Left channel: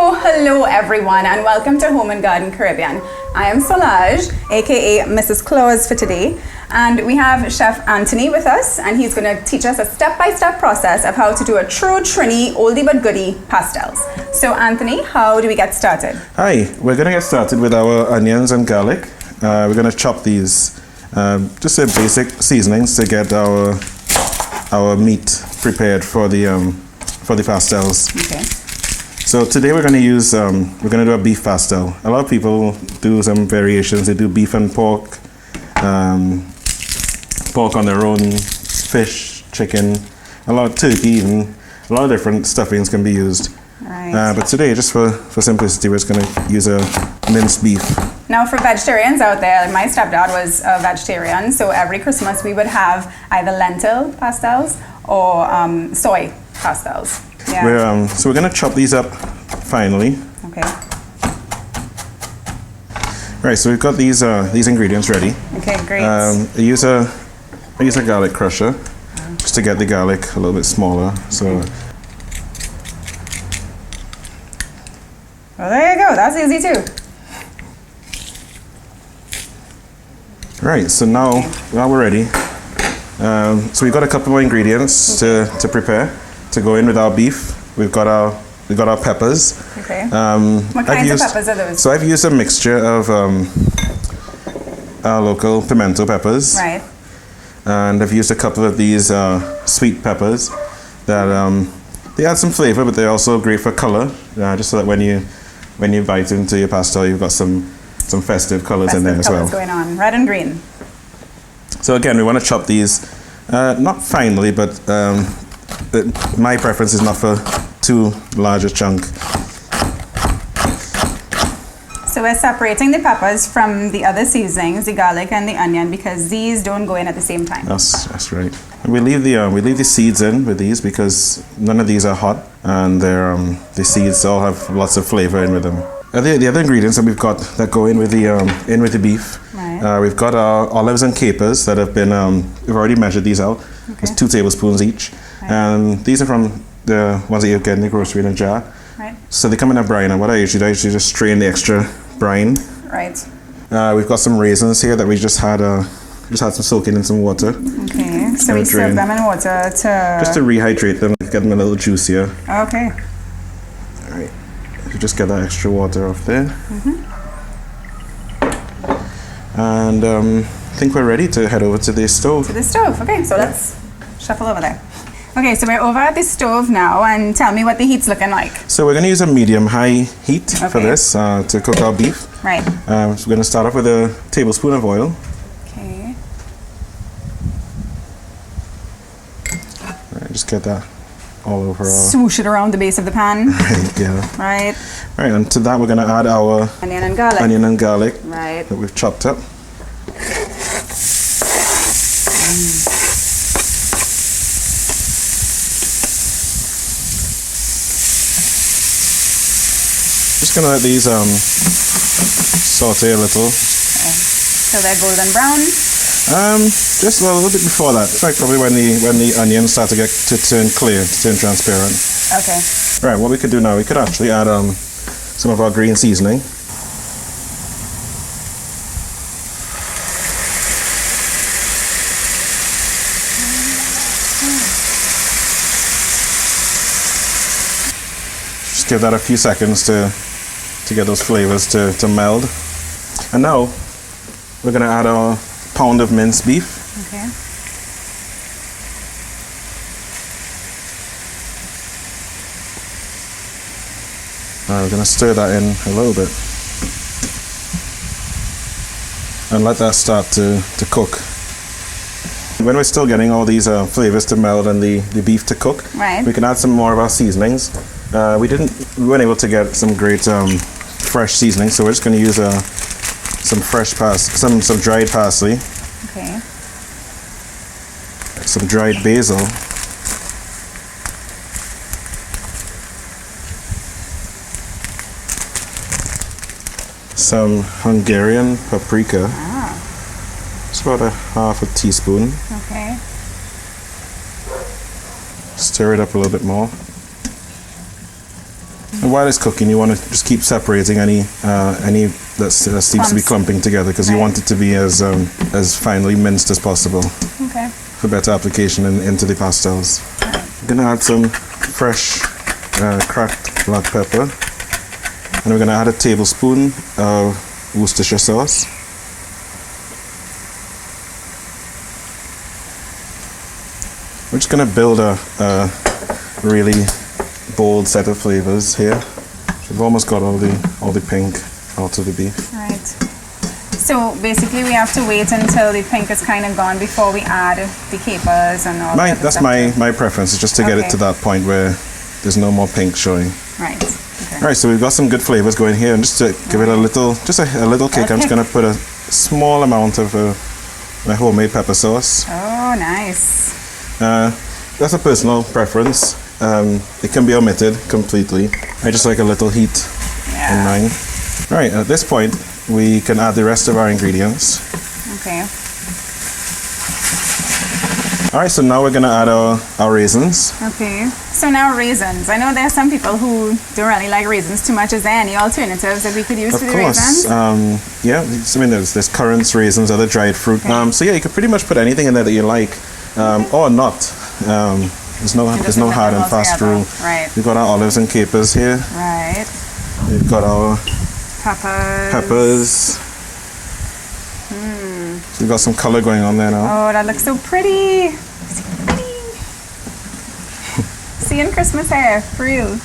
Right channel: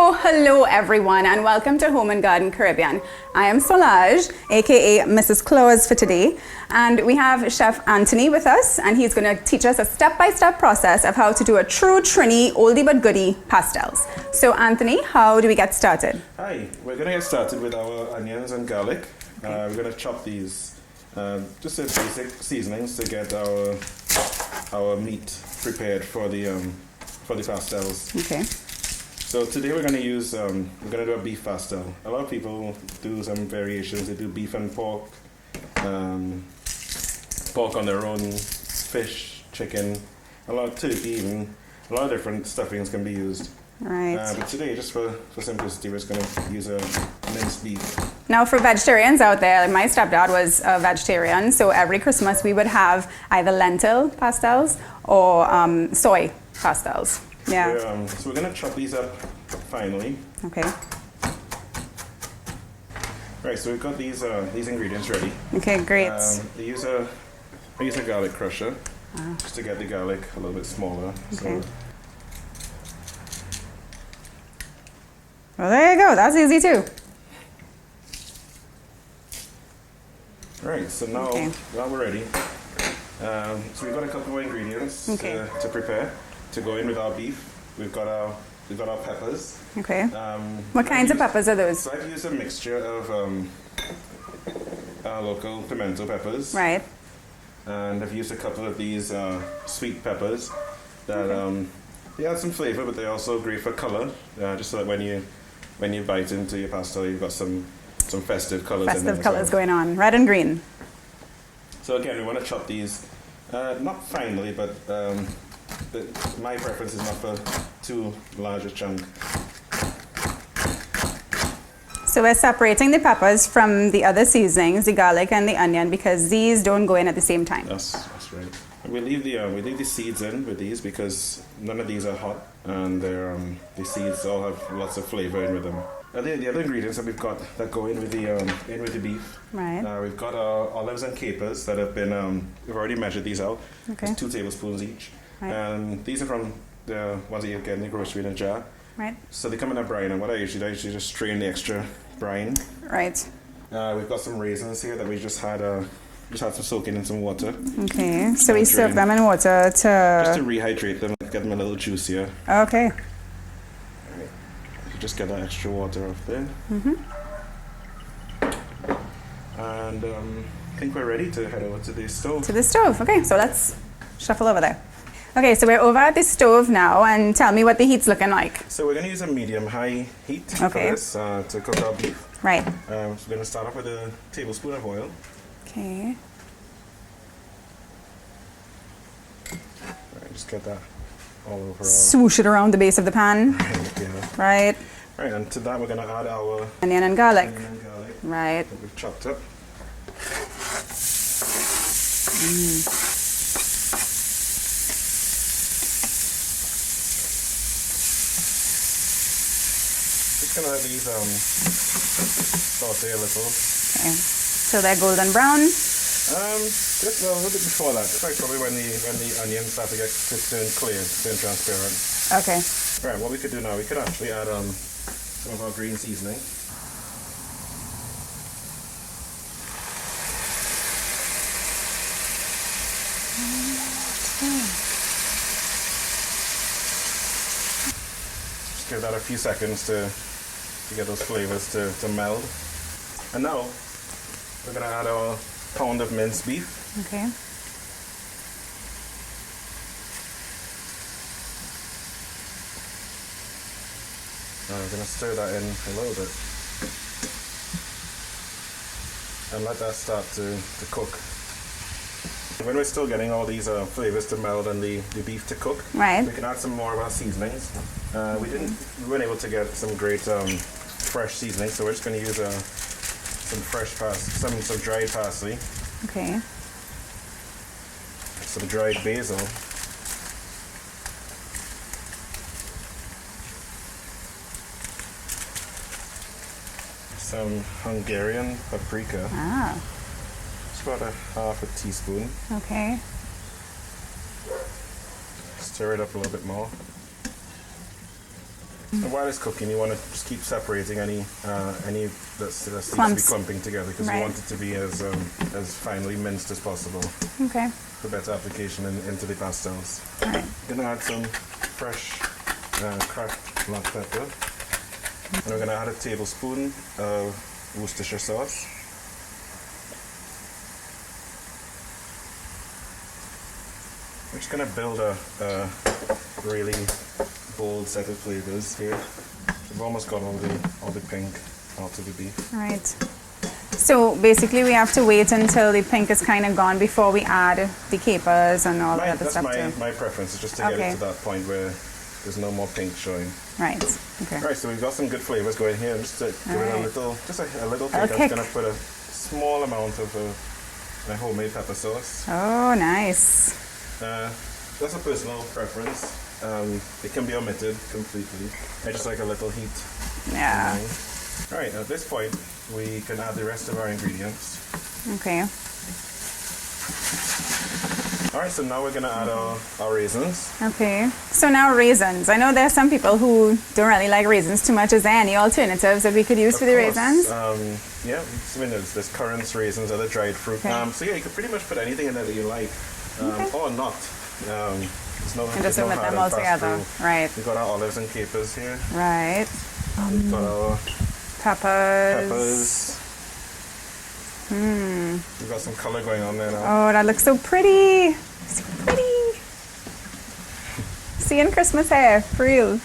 Hello everyone, and welcome to Home and Garden Caribbean. I am Solange, aka Mrs. Claus for today, and we have Chef Antony with us, and he's going to teach us a step-by-step process of how to do a true Trini oldie but goodie pastels. So Anthony, how do we get started? Hi, we're going to get started with our onions and garlic. We're going to chop these, just the basic seasonings to get our meat prepared for the pastels. Okay. So today we're going to use, we're going to do a beef pastel. A lot of people do some variations. They do beef and pork, pork on their own, fish, chicken, a lot of turkey even. A lot of different stuffings can be used. Right. But today, just for simplicity, we're just going to use a minced beef. Now for vegetarians out there, like my stepdad was a vegetarian, so every Christmas we would have either lentil pastels or soy pastels. Yeah. So we're going to chop these up finely. Okay. Right, so we've got these ingredients ready. Okay, great. I use a garlic crusher just to get the garlic a little bit smaller. Okay. So. Well, there you go. That's easy too. Right, so now we're ready. So we've got a couple more ingredients to prepare to go in with our beef. We've got our peppers. Okay. What kinds of peppers are those? So I've used a mixture of our local pimento peppers. Right. And I've used a couple of these sweet peppers that they add some flavor, but they're also great for color. Just so that when you bite into your pastel, you've got some festive colors in there as well. Festive colors going on, red and green. So again, we want to chop these not finely, but my preference is not for too large a chunk. So we're separating the peppers from the other seasonings, the garlic and the onion, because these don't go in at the same time. That's right. And we leave the seeds in with these because none of these are hot, and the seeds all have lots of flavor in with them. The other ingredients that we've got that go in with the beef. Right. We've got our olives and capers that have been we've already measured these out. Okay. It's 2 tablespoons each. Right. And these are from the ones that you get in the grocery in a jar. Right. So they come in a brine, and what I usually do, just strain the extra brine. Right. We've got some raisins here that we just had some soaking in some water. Okay. So we soak them in water to just to rehydrate them, get them a little juicier. Okay. All right. You just get that extra water off there. And I think we're ready to head over to the stove. To the stove. Okay. So let's shuffle over there. Okay, so we're over at the stove now, and tell me what the heat's looking like. So we're going to use a medium-high heat for this to cook our beef. Right. So we're going to start off with a tablespoon of oil. Okay. All right, just get that all over. Swoosh it around the base of the pan. Yeah. Right. All right, and to that we're going to add our onion and garlic. Right. That we've chopped up. Just gonna let these saute a little. Okay. So they're golden brown. Just a little bit before that. In fact, probably when the onions start to turn clear, to turn transparent. Okay. All right. What we could do now, we could actually add some of our green seasoning. Just give that a few seconds to get those flavors to meld. And now we're going to add our pound of minced beef. Okay. We're going to stir that in a little bit and let that start to cook. When we're still getting all these flavors to meld and the beef to cook, we can add some more of our seasonings. We weren't able to get some great fresh seasoning, so we're just going to use some fresh some dried parsley. Okay. Some dried basil. Some Hungarian paprika. It's about a half a teaspoon. Okay. Stir it up a little bit more. And while it's cooking, you want to just keep separating any that seems to be clumping together, because you want it to be as finely minced as possible. Okay. For better application into the pastels. Right. I'm going to add some fresh cracked black pepper, and we're going to add a tablespoon of Worcestershire sauce. We're just going to build a really bold set of flavors here. We've almost got all the pink out of the beef. Right. So basically we have to wait until the pink is kind of gone before we add the capers and all that. That's my preference, is just to get it to that point where there's no more pink showing. Right. Okay. All right, so we've got some good flavors going here, and just to give it a little kick, I'm just going to put a small amount of my homemade pepper sauce. Oh, nice. That's a personal preference. It can be omitted completely. I just like a little heat in mine. All right, at this point, we can add the rest of our ingredients. Okay. All right, so now we're going to add our raisins. Okay. So now raisins. I know there are some people who don't really like raisins too much. Is there any alternatives that we could use for the raisins? Yeah, I mean, there's currants, raisins, other dried fruit. Okay. So yeah, you could pretty much put anything in there that you like, or not. There's no hard and fast rule. Right. We've got our olives and capers here. Right. We've got our peppers. So we've got some color going on there now. Oh, that looks so pretty. So pretty. Seeing Christmas hair, for real.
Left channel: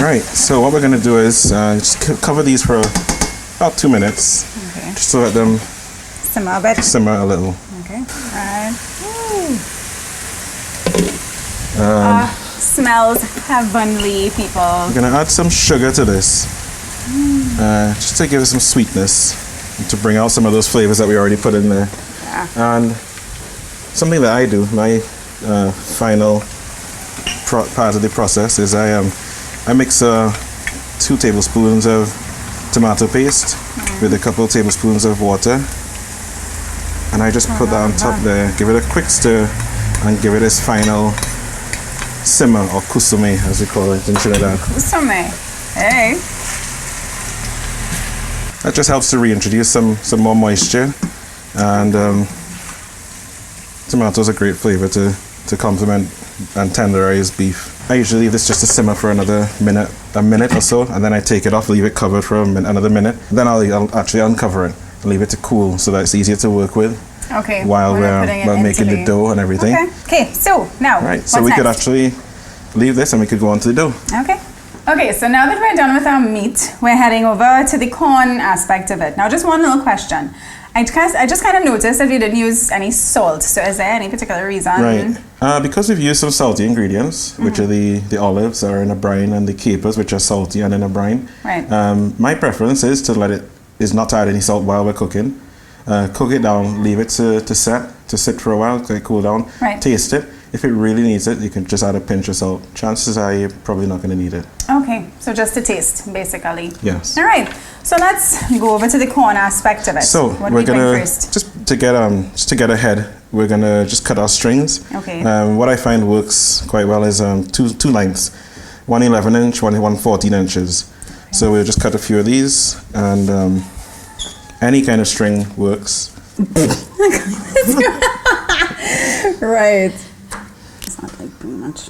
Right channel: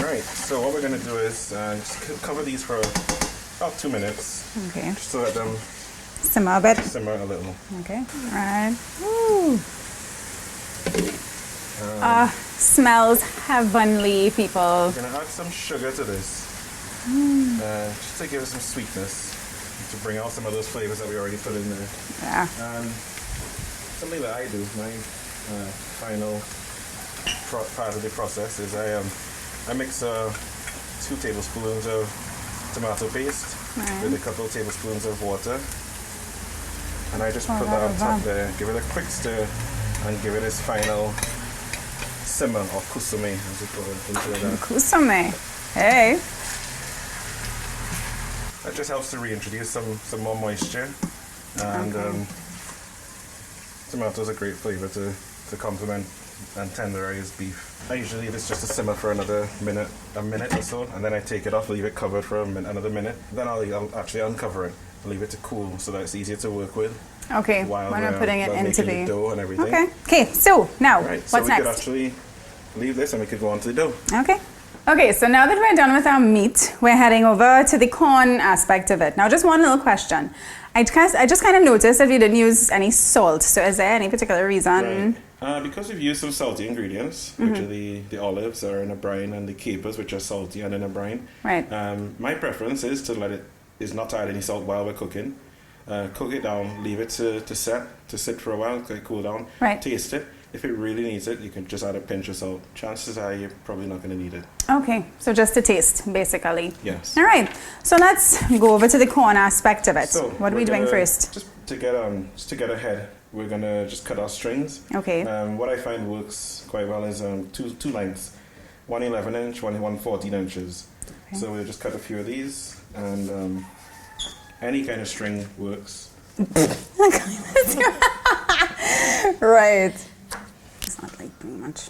Right, so what we're going to do is just cover these for about 2 minutes. Okay. Just to let them simmer a bit. Simmer a little. Okay. Right. Smells heavenly, people. We're going to add some sugar to this, just to give it some sweetness, and to bring out some of those flavors that we already put in there. Yeah. And something that I do, my final part of the process, is I mix 2 tablespoons of tomato paste with a couple of tablespoons of water, and I just put that on top there, give it a quick stir, and give it its final simmer, or kusume as we call it in Trinidad. Kusume, hey. That just helps to reintroduce some more moisture, and tomatoes are a great flavor to complement and tenderize beef. I usually leave this just to simmer for another a minute or so, and then I take it off, leave it covered for another minute. Then I'll actually uncover it and leave it to cool so that it's easier to work with. Okay. While we're making the dough and everything. Okay. So now, so we could actually leave this and we could go on to the dough. Okay, so now that we're done with our meat, we're heading over to the corn aspect of it. Now, just one little question. I just kind of noticed that we didn't use any salt. So is there any particular reason? Right. Because we've used some salty ingredients, which are the olives are in a brine, and the capers, which are salty and in a brine. Right. My preference is not to add any salt while we're cooking. Cook it down, leave it to sit for a while, let it cool down, taste it. If it really needs it, you can just add a pinch of salt. Chances are you're probably not going to need it. Okay, so just to taste, basically. Yes. All right, so let's go over to the corn aspect of it. So what do we doing first? Just to get ahead, we're going to just cut our strings. Okay. What I find works quite well is two lengths, one 11-inch, one 14 inches. Okay. So we'll just cut a few of these, and any kind of string works. Right. It's not like too much.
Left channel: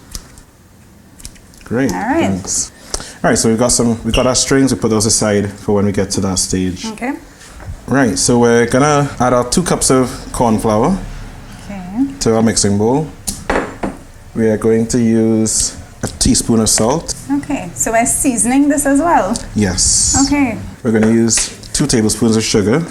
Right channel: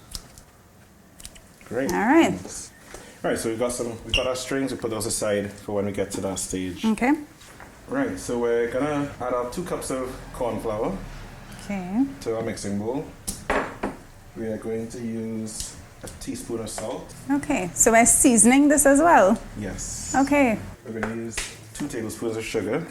Great. All right. Thanks. All right. So we've got our strings. We put those aside for when we get to that stage. Okay. Right. So we're gonna add our 2 cups of corn flour. Okay. To our mixing bowl. We are going to use a teaspoon of salt. Okay. So we're seasoning this as well. Yes. Okay. We're going to use 2 tablespoons of sugar.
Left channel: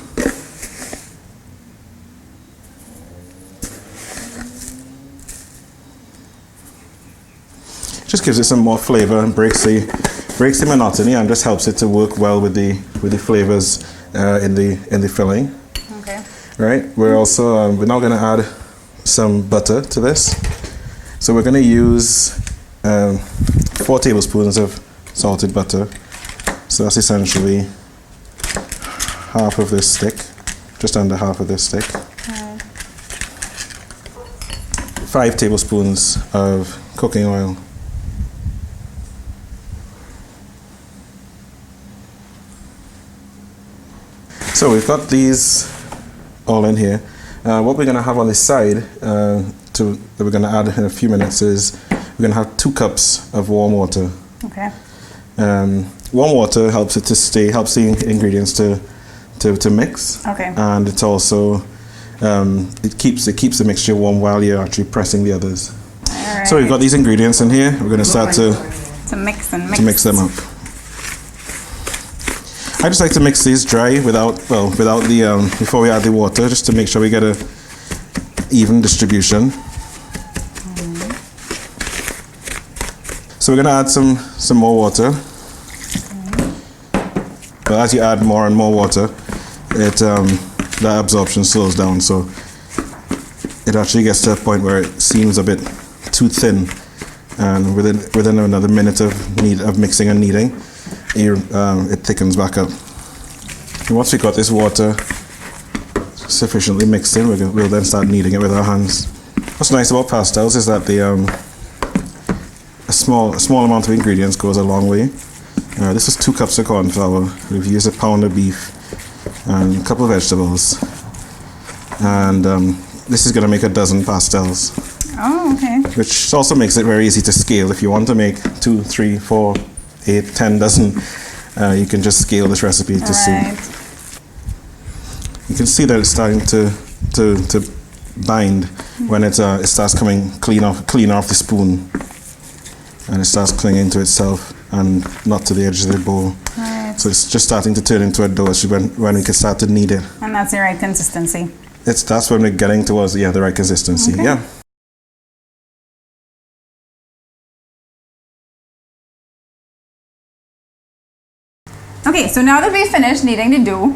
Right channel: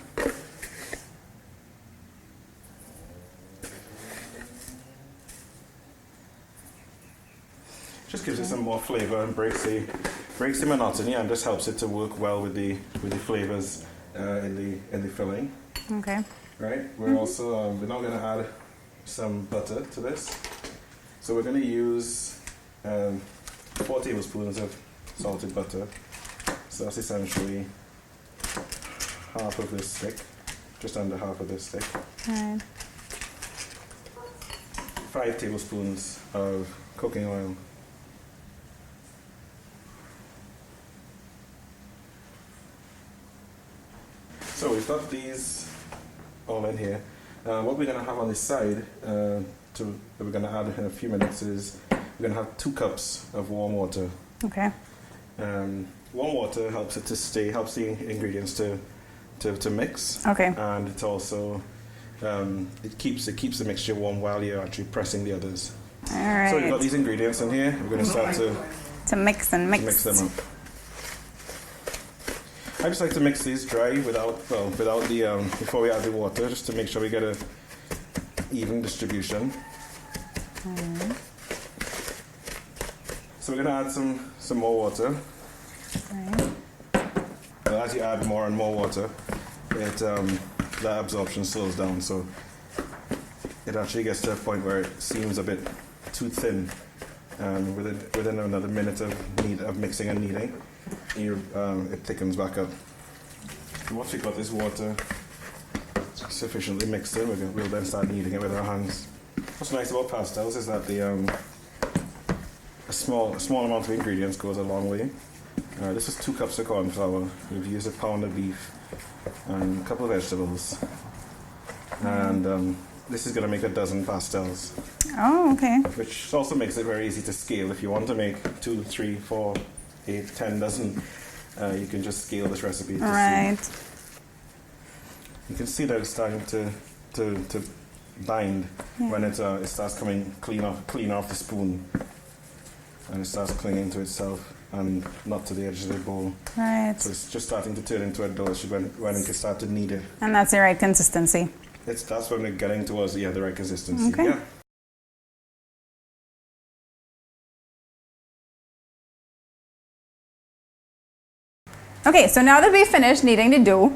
Just gives it some more flavor and breaks the monotony, and just helps it to work well with the flavors in the filling. Okay. Right. We're also we're now going to add some butter to this. So we're going to use 4 tablespoons of salted butter. So that's essentially half of this stick, just under half of this stick. Right. 5 tablespoons of cooking oil. So we've got these all in here. What we're going to have on this side that we're going to add in a few minutes is we're going to have 2 cups of warm water. Okay. Warm water helps it to stay, helps the ingredients to mix. Okay. And it's also it keeps the mixture warm while you're actually pressing the others. All right. So we've got these ingredients in here. We're going to start to mix and mix. To mix them up. I just like to mix these dry without the before we add the water, just to make sure we get a even distribution. So we're going to add some more water. But as you add more and more water, that absorption slows down, so it actually gets to a point where it seems a bit too thin, and within another minute of mixing and kneading, it thickens back up. And once we've got this water sufficiently mixed in, we'll then start kneading it with our hands. What's nice about pastels is that a small amount of ingredients goes a long way. This is 2 cups of corn flour. We've used a pound of beef and a couple of vegetables, and this is going to make a dozen pastels. Oh, okay. Which also makes it very easy to scale. If you want to make 2, 3, 4, 8, 10 dozen, you can just scale this recipe to suit. You can see that it's starting to bind when it starts coming clean off the spoon, and it starts clinging to itself and not to the edges of the bowl. Right. So it's just starting to turn into a dough when we can start to knead it. And that's the right consistency. That's when we're getting towards the right consistency. Okay. Yeah. Okay, so now that we've finished kneading the dough,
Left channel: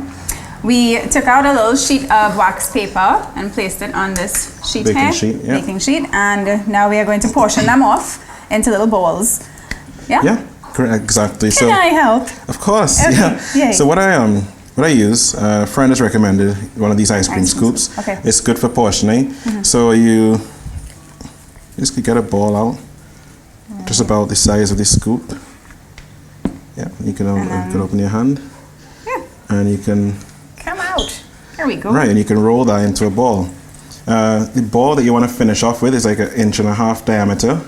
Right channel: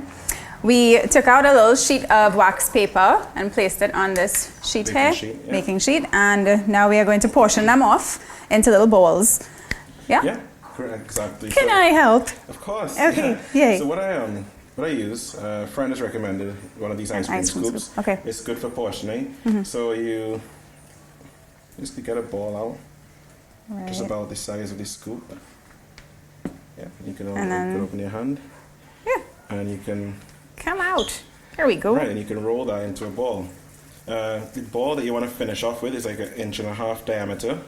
we took out a little sheet of wax paper and placed it on this sheet baking sheet, and now we are going to portion them off into little bowls. Yeah? Yeah, exactly. Can I help? Of course. Okay. Yeah. Yay. So what I use, a friend has recommended one of these ice cream scoops. Okay. It's good for portioning. So you just get a ball out, just about the size of this scoop. Yeah, you can open your hand. Yeah. And you can come out. Here we go. Right, and you can roll that into a ball. The ball that you want to finish off with is like 1.5 inch diameter.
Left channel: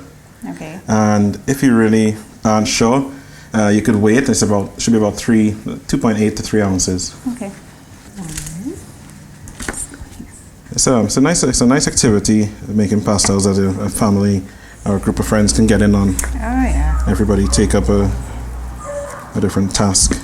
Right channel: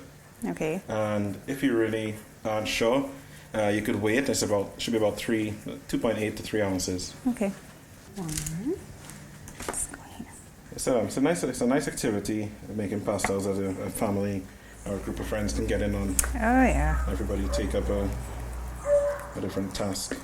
Okay. And if you really aren't sure, you could weigh it. Should be about 2.8 to 3 ounces. Okay. It's a nice activity, making pastels that a family or a group of friends can get in on. Oh yeah. Everybody take up a different task.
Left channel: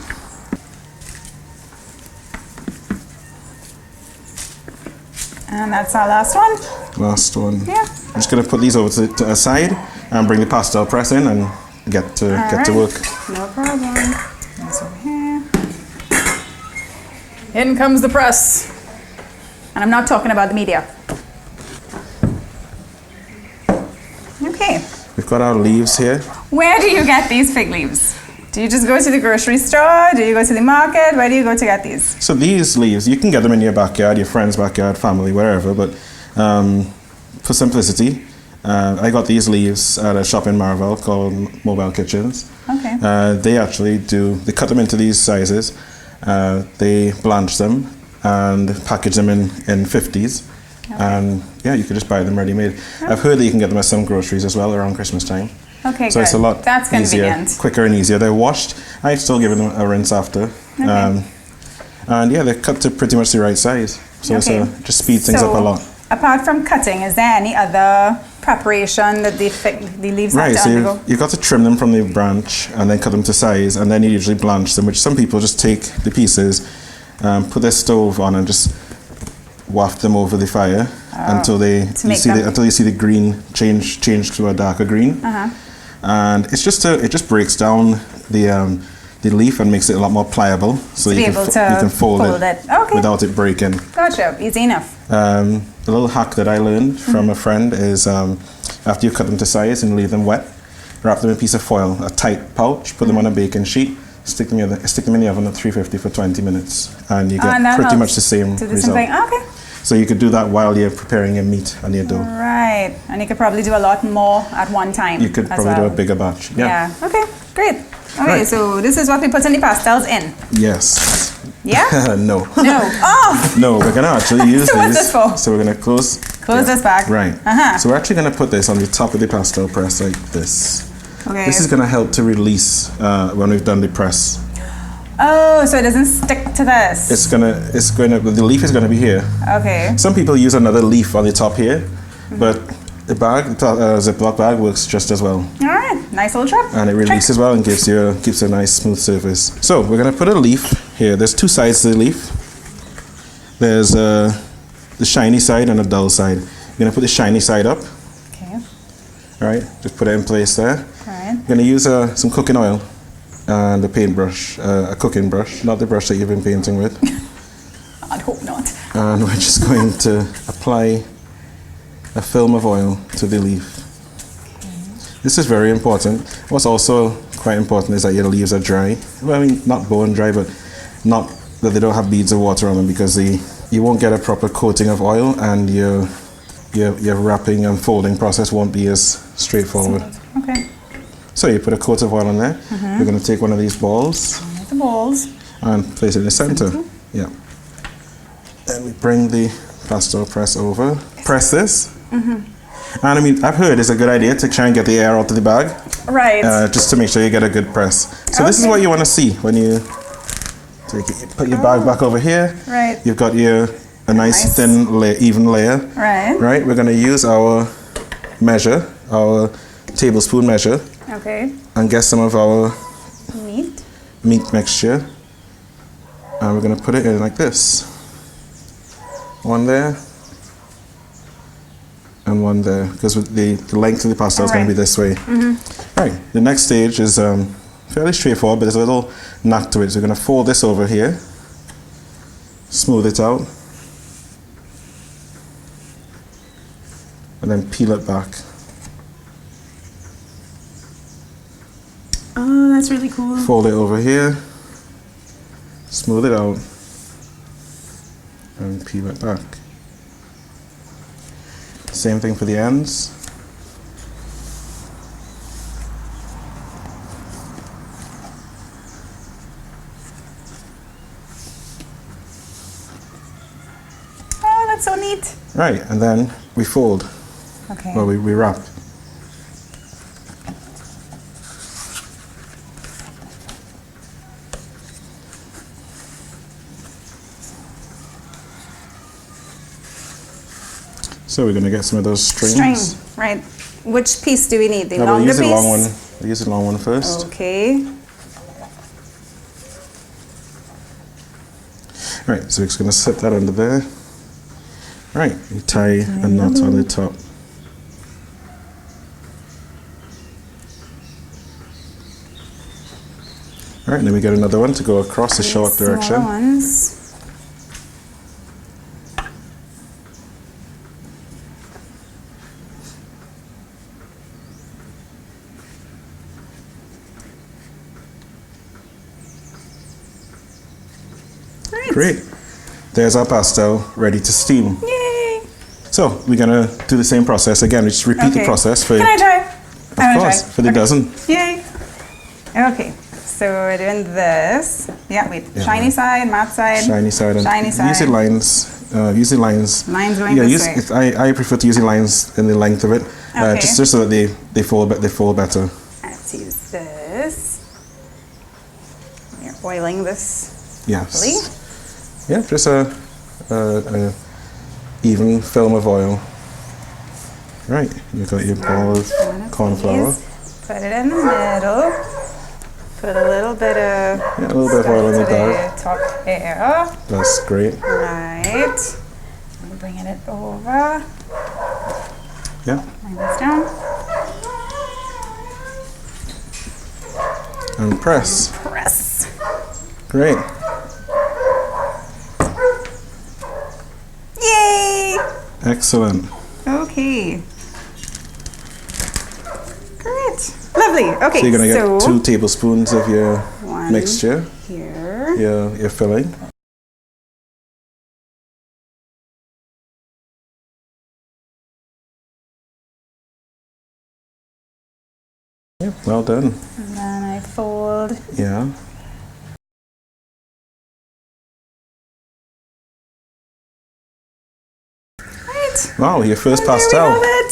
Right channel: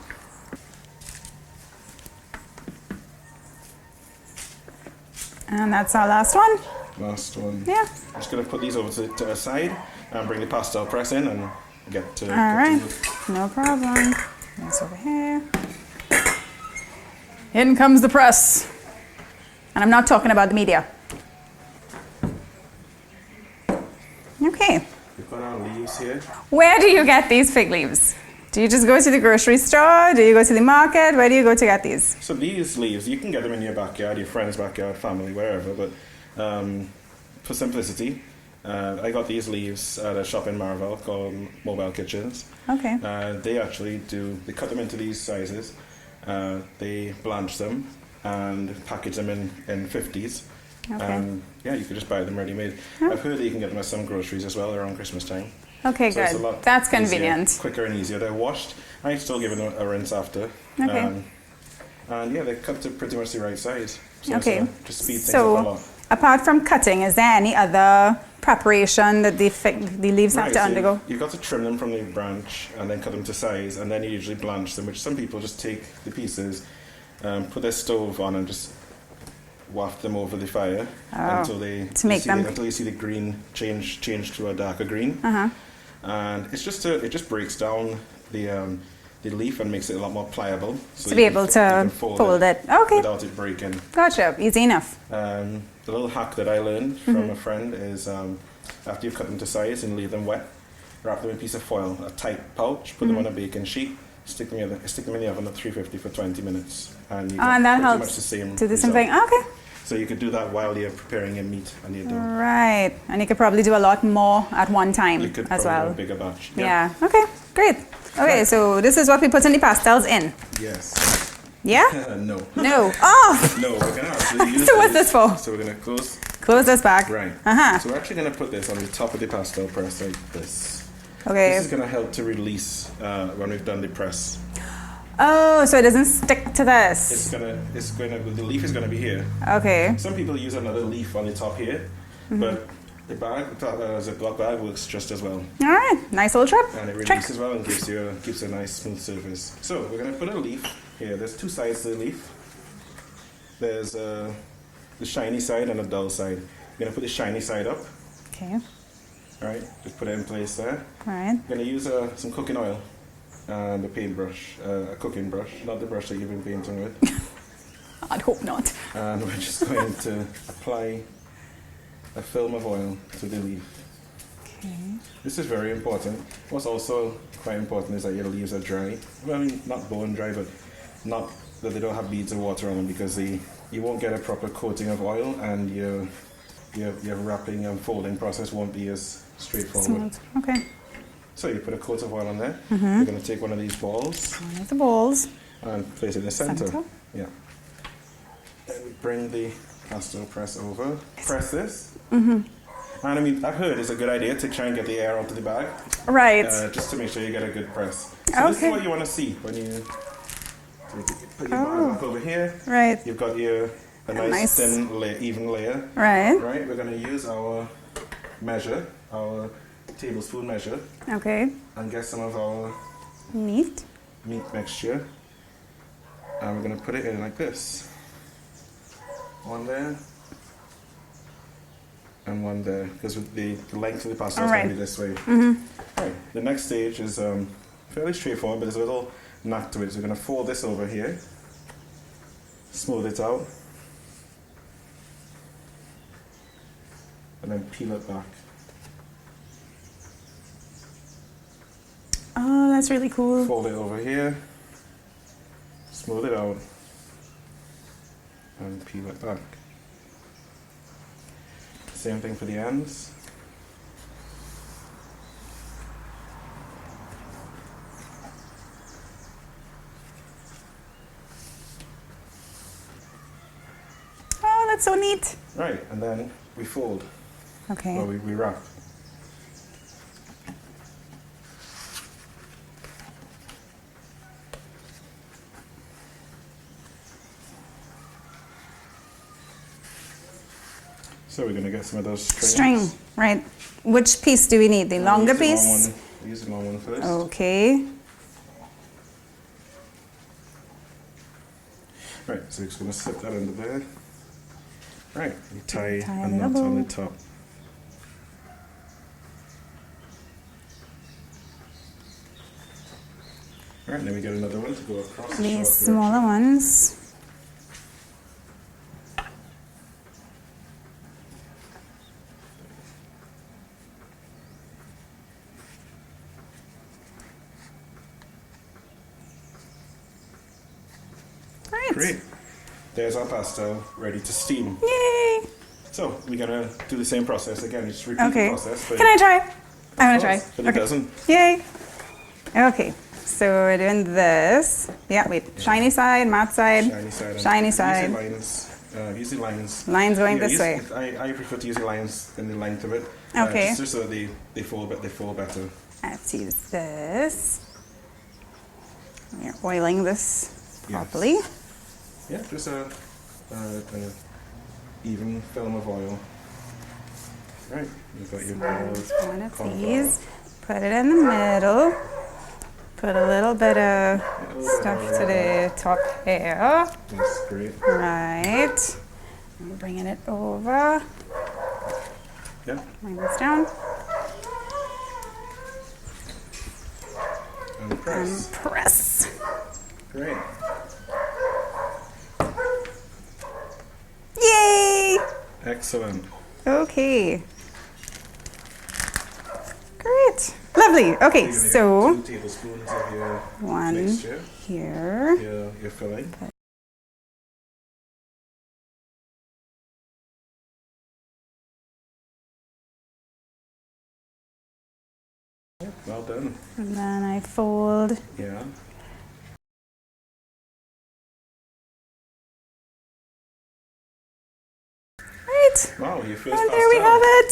And that's our last one. Last one. Yeah. I'm just going to put these over to a side and bring the pastel press in and get to work. No problem. That's over here. In comes the press. And I'm not talking about the media. Okay. We've got our leaves here. Where do you get these fig leaves? Do you just go to the grocery store? Do you go to the market? Where do you go to get these? So these leaves, you can get them in your backyard, your friend's backyard, family, wherever. But for simplicity, I got these leaves at a shop in Marvel called Mobile Kitchens. Okay. They cut them into these sizes. They blanch them and package them in 50s. Okay. And yeah, you could just buy them ready-made. Oh. I've heard that you can get them at some groceries as well around Christmas time. Okay, so good. It's a lot That's convenient. Easier, quicker and easier. They're washed. I still give them a rinse after. Okay. And yeah, they're cut to pretty much the right size. So it just speeds things up a lot. Apart from cutting, is there any other preparation that the leaves have to undergo? You've got to trim them from the branch and then cut them to size, and then you usually blanch them, which some people just take the pieces, put their stove on and just waft them over the fire until you see the green change to a darker green. And it just breaks down the leaf and makes it a lot more pliable, so you can fold it without it breaking. Gotcha, easy enough. The little hack that I learned from a friend is after you cut them to size and leave them wet, wrap them in a piece of foil, a tight pouch, put them on a baking sheet, stick them in the oven at 350 for 20 minutes, and you get pretty much the same result. Okay. So you could do that while you're preparing your meat and your dough. Right, and you could probably do a lot more at one time. You could probably do a bigger batch. Yeah. Okay, great. Okay, so this is what we put in the pastels in. Yes. Yeah? No. No. Oh! No, we're going to actually use So what's this for? So we're going to close this back. Right. So we're actually going to put this on the top of the pastel press like this. Okay. This is going to help to release when we've done the press. Oh, so it doesn't stick to this. The leaf is gonna be here. Okay. Some people use another leaf on the top here, but the bag, Ziploc bag, works just as well. All right, nice little trip. And it releases well and gives you a nice smooth surface. So we're gonna put a leaf here. There's two sides to the leaf. There's the shiny side and a dull side. You're gonna put the shiny side up. Okay. All right, just put it in place there. All right. You're gonna use some cooking oil. And a paintbrush, a cooking brush, not the brush that you've been painting with. I'd hope not. And we're just going to apply a film of oil to the leaf. Okay. This is very important. What's also quite important is that your leaves are dry. Well, I mean, not bone dry, but not that they don't have beads of water on them, because you won't get a proper coating of oil, and your wrapping and folding process won't be as straightforward. Okay. So you put a coat of oil on there. We're going to take one of these balls. One of the balls. And place it in the center. Yeah. Then we bring the pastel press over. Press this. And I mean, I've heard it's a good idea to try and get the air out of the bag. Right. Just to make sure you get a good press. So this is what you want to see when you put your bag back over here. Right. You've got a nice thin, even layer. Right. Right. We're going to use our measure, our tablespoon measure. Okay. And get some of our meat mixture. And we're going to put it in like this. One there. And one there. Because the length of the pastel is going to be this way. Right. The next stage is fairly straightforward, but there's a little knack to it. So we're going to fold this over here. Smooth it out. And then peel it back. Oh, that's really cool. Fold it over here, smooth it out, and peel it back. Same thing for the ends. Oh, that's so neat. Right, and then we fold. Okay. Well, we wrap. So we're going to get some of those strings. String, right. Which piece do we need? The longer piece? We'll use the long one first. Okay. Right, so we're just going to slip that under there. Right, you tie a knot on the top. Right, and then we get another one to go across the short direction. Smaller ones. Great. There's our pastel ready to steam. Yay! So we're gonna do the same process again. We just repeat the process for. Can I try? I want to try. For the dozen. Yay! Okay. So we're doing this. Yeah. Wait. Yeah. Shiny side, matte side. Shiny side. And shiny side. Using lines. Using lines. Lines going this way. I prefer to use lines in the length of it. Okay. Just so that they fall better. Let's use this. We're oiling this properly. Yeah, just a even film of oil. Right, you've got your ball of cornflour. Put it in the middle. Put a little bit of stuff to the top here. That's great. Right. I'm bringing it over. Yeah. Bring this down. And press. And press. Great. Yay! Excellent. Okay. Great. Lovely. Okay, so you're going to get 2 tablespoons of your mixture. Here. Your filling. Yep, well done. And then I fold. Yeah. Wow, your first and pastel. There we have it.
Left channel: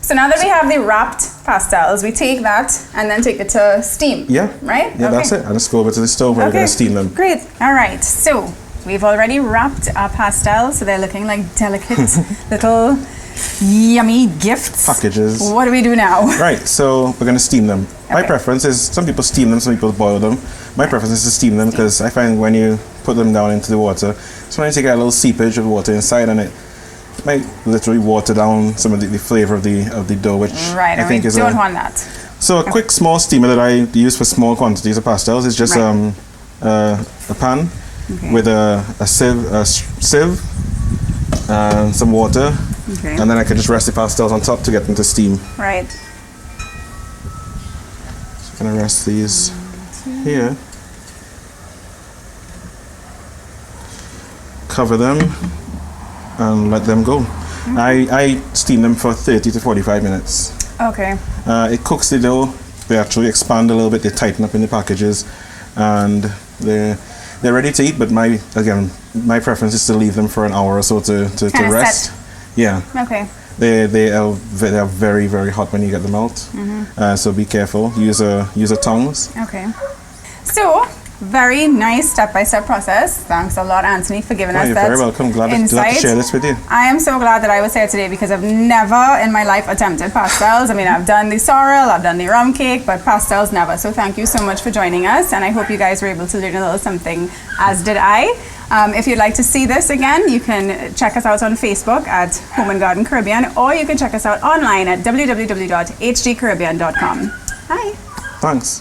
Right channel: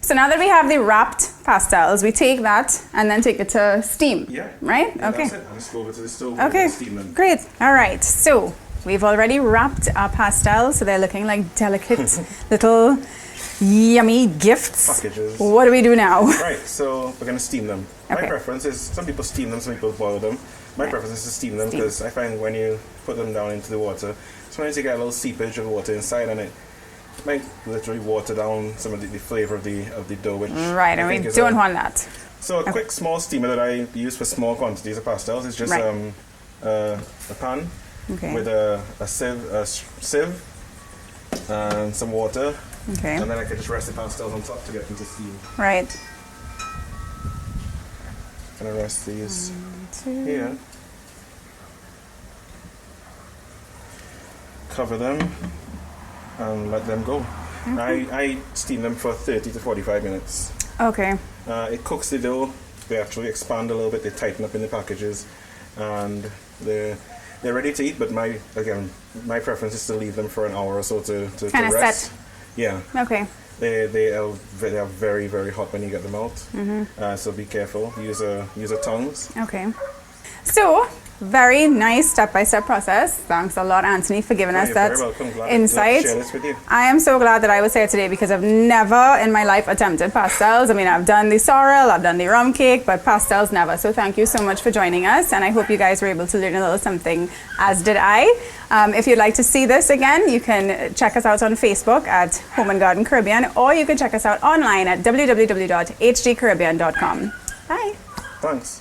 So now that we have the wrapped pastels, we take that and then take it to steam. Yeah. Right? Yeah, that's it. I just go over to the stove and we're going to steam them. Great. All right. So we've already wrapped our pastels, so they're looking like delicate little yummy gifts. Packages. What do we do now? Right, so we're going to steam them. My preference is, some people steam them, some people boil them. My preference is to steam them because I find when you put them down into the water, sometimes you get a little seepage of water inside and it might literally water down some of the flavor of the dough, which I think we don't want that. So a quick small steamer that I use for small quantities of pastels is just a pan with a sieve and some water, and then I can just rest the pastels on top to get them to steam. Right. So I'm gonna rest these here. Cover them and let them go. I steam them for 30 to 45 minutes. Okay. It cooks the dough. They actually expand a little bit. They tighten up in the packages, and they're ready to eat. But my preference is to leave them for an hour or so to rest. Set. Yeah. Okay. They are very, very hot when you get them out. So be careful. Use a tongs. Okay. So, very nice step-by-step process. Thanks a lot, Anthony, for giving us You're that very welcome. Glad to share this with you. I am so glad that I was here today because I've never in my life attempted pastels. I mean, I've done the sorrel, I've done the rum cake, but pastels never. So thank you so much for joining us, and I hope you guys were able to learn a little something, as did I. If you'd like to see this again, you can check us out on Facebook at Home and Garden Caribbean, or you can check us out online at www.hdcaribbean.com. Bye. Thanks.